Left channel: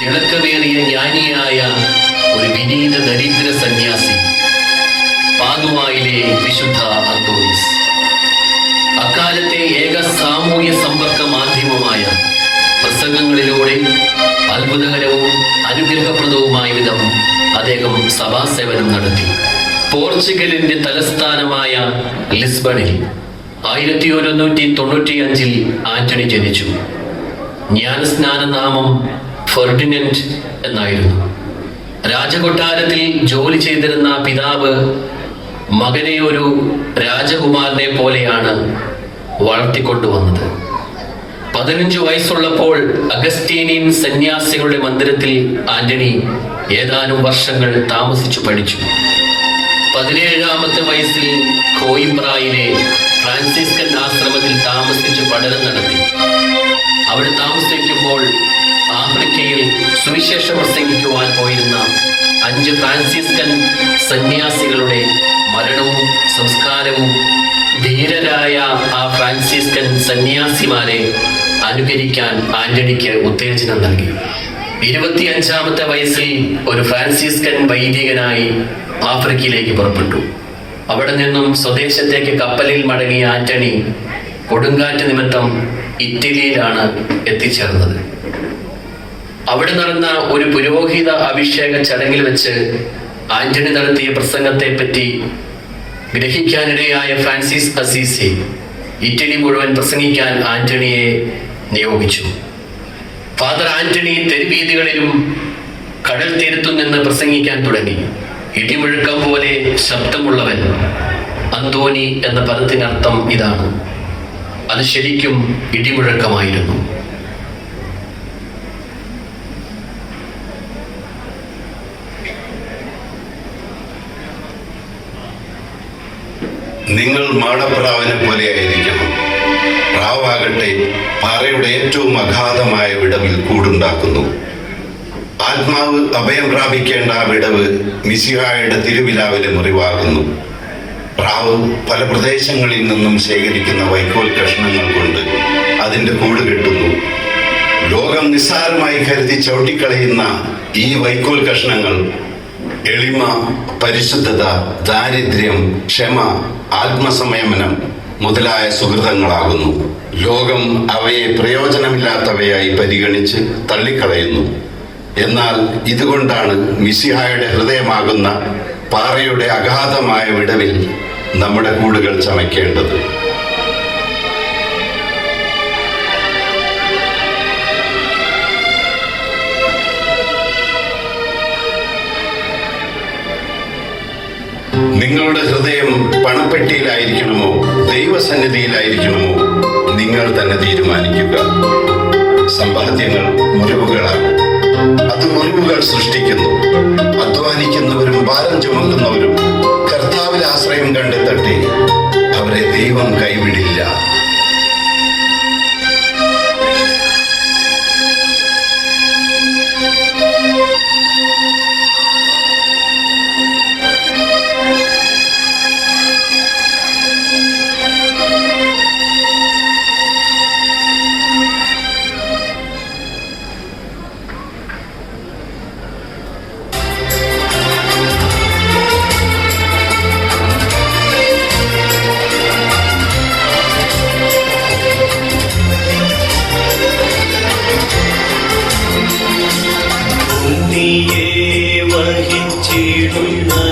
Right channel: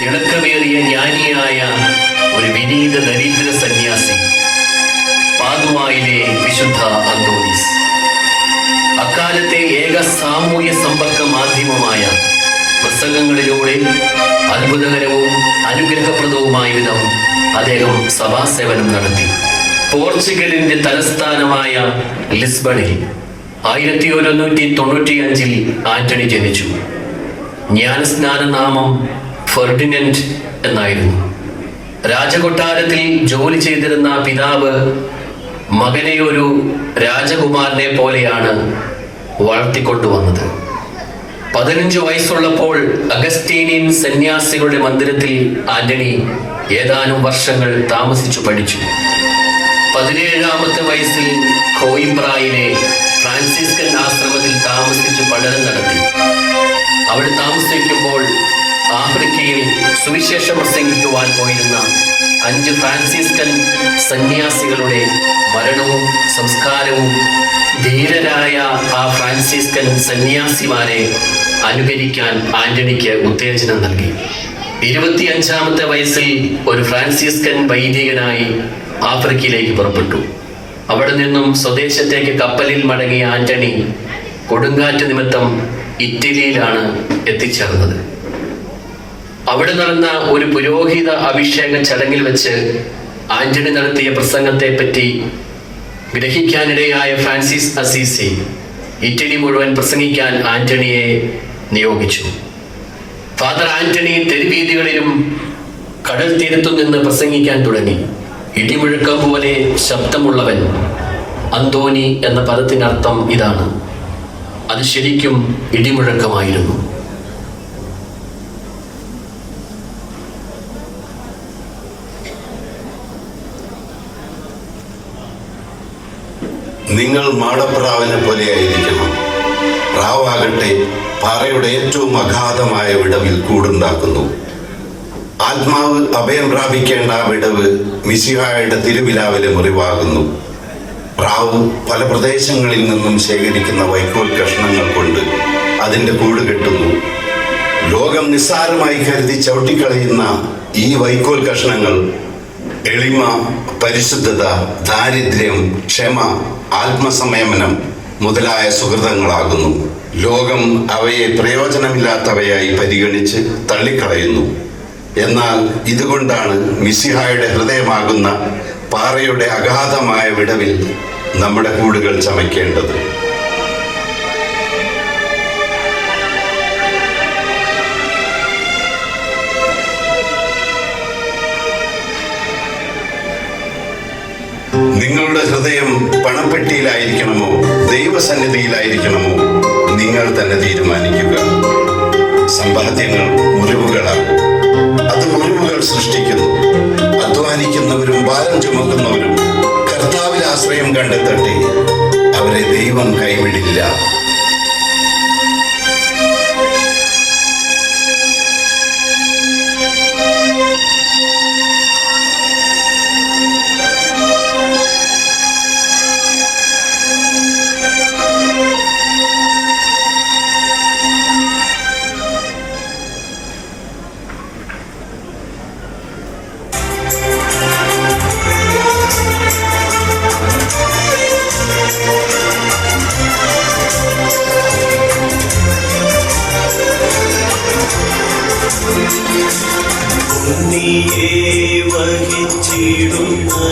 തിളക്കമേറിയ ജ്ഞാനിയായ ഒരു വിനീത ദരിദ്ര സന്യാസി പാതുവായിലെ വിശുദ്ധ അന്തോണീസ്. അക്കാലത്തെ ഏക സാമൂഹ്യ സമ്പർക്ക മാധ്യമമായ പ്രസംഗങ്ങളിലൂടെ അത്ഭുതകരവും അനുഗ്രഹപ്രദവുമായ വിധം അദ്ദേഹം സഭാസേവനം നടത്തി. പോർച്ചുഗലിന്റെ തലസ്ഥാനമായ ലിസ്ബണിൽ ആയിരത്തി ഒരുന്നൂറ്റി തൊണ്ണൂറ്റി അഞ്ചിൽ ആന്റണി ജനിച്ചു. ജ്ഞാനസ്നാന നാമം ഫെർഡിനൻഡ് എന്നായിരുന്നു. രാജകൊട്ടാരത്തിൽ ജോലി ചെയ്തിരുന്ന പിതാവ് മകനെ ഒരു രാജകുമാരനെ പോലെയാണ് വളർത്തിക്കൊണ്ടുവന്നത്. പതിനഞ്ച് വയസ്സുള്ളപ്പോൾ അഗസ്റ്റീനിയൻ സന്യാസികളുടെ മന്ദിരത്തിൽ ആന്റണി ഏതാനും വർഷങ്ങൾ താമസിച്ചു പഠിച്ചു. പതിനേഴാമത്തെ വയസ്സിൽ കോയിംബ്രായിലെ ഫ്രാൻസിസ്കൻ ആശ്രമത്തിൽ താമസിച്ച് പഠനം നടത്തി. അവിടെ താമസിക്കുമ്പോൾ ആഫ്രിക്കയിൽ സുവിശേഷം പ്രസംഗിക്കുവാൻ പോയിരുന്ന അഞ്ച് ഫ്രാൻസിസ്കൻ സന്യാസികളുടെ മരണവും സംസ്കാരവും ധീരരായ ആ ഫ്രാൻസിസ്കൻ സന്യാസിമാരെ അനുകരിക്കാൻ ആന്റണിക്ക് ഉത്തേജനം നൽകി. ഇരുപത്തിയഞ്ചാമത്തെ വയസ്സിൽ ഒരു ഫ്രാൻസിസ്കൻ വൈദികനായി ആഫ്രിക്കയിലേക്ക് പുറപ്പെട്ടു. അവിടെ നിന്നും സ്വദേശത്തേക്ക് കപ്പലിൽ മടങ്ങിയ ആന്റണി കൊടുങ്കാറ്റ് നിമിത്തം ഇറ്റലിയിലാണ് എത്തിച്ചേർന്നത്. അവിടെ നടന്ന ഒരു പുരോഹിത അഭിഷേക ചടങ്ങിൽ വെച്ച് ആന്റണി നടത്തിയ പ്രസംഗത്തെ പറ്റി ഗ്രഹിക്കാനിടയായ ഫ്രാൻസിസ് അസീസി ഇറ്റലി മുഴുവൻ പ്രസംഗിക്കാൻ ആന്റണിയെ നിയോഗിച്ചു. ഫാദർ ആന്റണി തെരുവീതികളിലും കടൽ തീരത്തു നിന്ന് പ്രസംഗിക്കാൻ തുടങ്ങി. ഇടിമുഴക്കം പോലെ ശബ്ദമുള്ളവൻ അന്തോനി എന്ന പദത്തിനർത്ഥം ഇതാണ്. അത് ശരിക്കും ഇടിമുഴക്കമായിരുന്നു. നിങ്ങൾ മാടപ്രാവിനെ പോലെയായിരിക്കണം. പ്രാവാകട്ടെ പാറയുടെ ഏറ്റവും അഗാധമായ വിടവിൽ കൂടുണ്ടാക്കുന്നു. ആത്മാവ് അഭയം പ്രാപിക്കേണ്ട വിടവ് മിസിഹായുടെ തിരുവിലാവിലെ മുറിവാകുന്നു. പ്രാവ് പല പ്രദേശങ്ങളിൽ നിന്നും ശേഖരിക്കുന്ന വൈക്കോൽ കഷ്ണങ്ങൾ കൊണ്ട് അതിന്റെ കൂട് കെട്ടുന്നു. ലോകം നിസ്സാരമായി കരുതി ചവിട്ടിക്കളയുന്ന ഈ വൈക്കോൽ കഷ്ണങ്ങൾ എളിമ പരിശുദ്ധത ദാരിദ്ര്യം ക്ഷമ ആത്മസംയമനം മുതലായ സുഹൃതങ്ങളാകുന്നു. ലോകം അവയെ പ്രയോജനമില്ലാത്തവയായി പരിഗണിച്ച് തള്ളിക്കളയുന്നു. എന്നാൽ ഇതുകൊണ്ടാണ് മിസിഹായുടെ ഹൃദയമാകുന്ന പാറയുടെ അഗാധമായ വിടവിൽ നമ്മുടെ കൂടുകൾ ചമയ്ക്കേണ്ടത്. പണപ്പെട്ടിയിലായിരിക്കണമോ ദൈവസന്നിധിയിലായിരിക്കണമോ? നിങ്ങൾ തന്നെ തീരുമാനിക്കുക. സമ്പാദ്യങ്ങൾ മുറിവുകളാകും അത് മുറിവുകൾ സൃഷ്ടിക്കുന്നു. അധ്വാനിക്കുന്നവരും ഭാരം ചുമക്കുന്നവരും കർത്താവിൽ ആശ്രയം കണ്ടെത്തട്ടെ. അവരെ ദൈവം കൈവിടില്ല.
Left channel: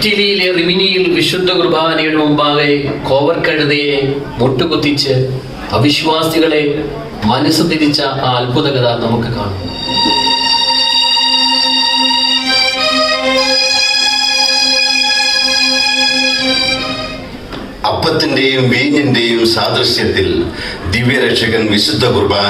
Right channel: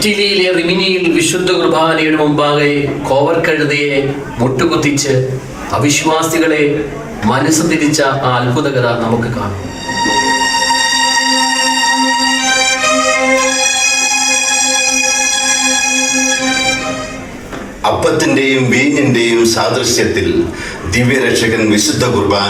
ഇറ്റലിയിലെ റിമിനിയിൽ വിശുദ്ധ കുർബാനയുടെ മുമ്പാകെ കോവർക്കഴുതയെ മുട്ടുകുത്തിച്ച് അവിശ്വാസികളെ മനസ്സ് തിരിച്ച ആ അത്ഭുത കഥ നമുക്ക് കാണാം. അപ്പത്തിന്റെയും വീഞ്ഞിന്റെയും സാദൃശ്യത്തിൽ ദിവ്യരക്ഷകൻ വിശുദ്ധ കുർബാന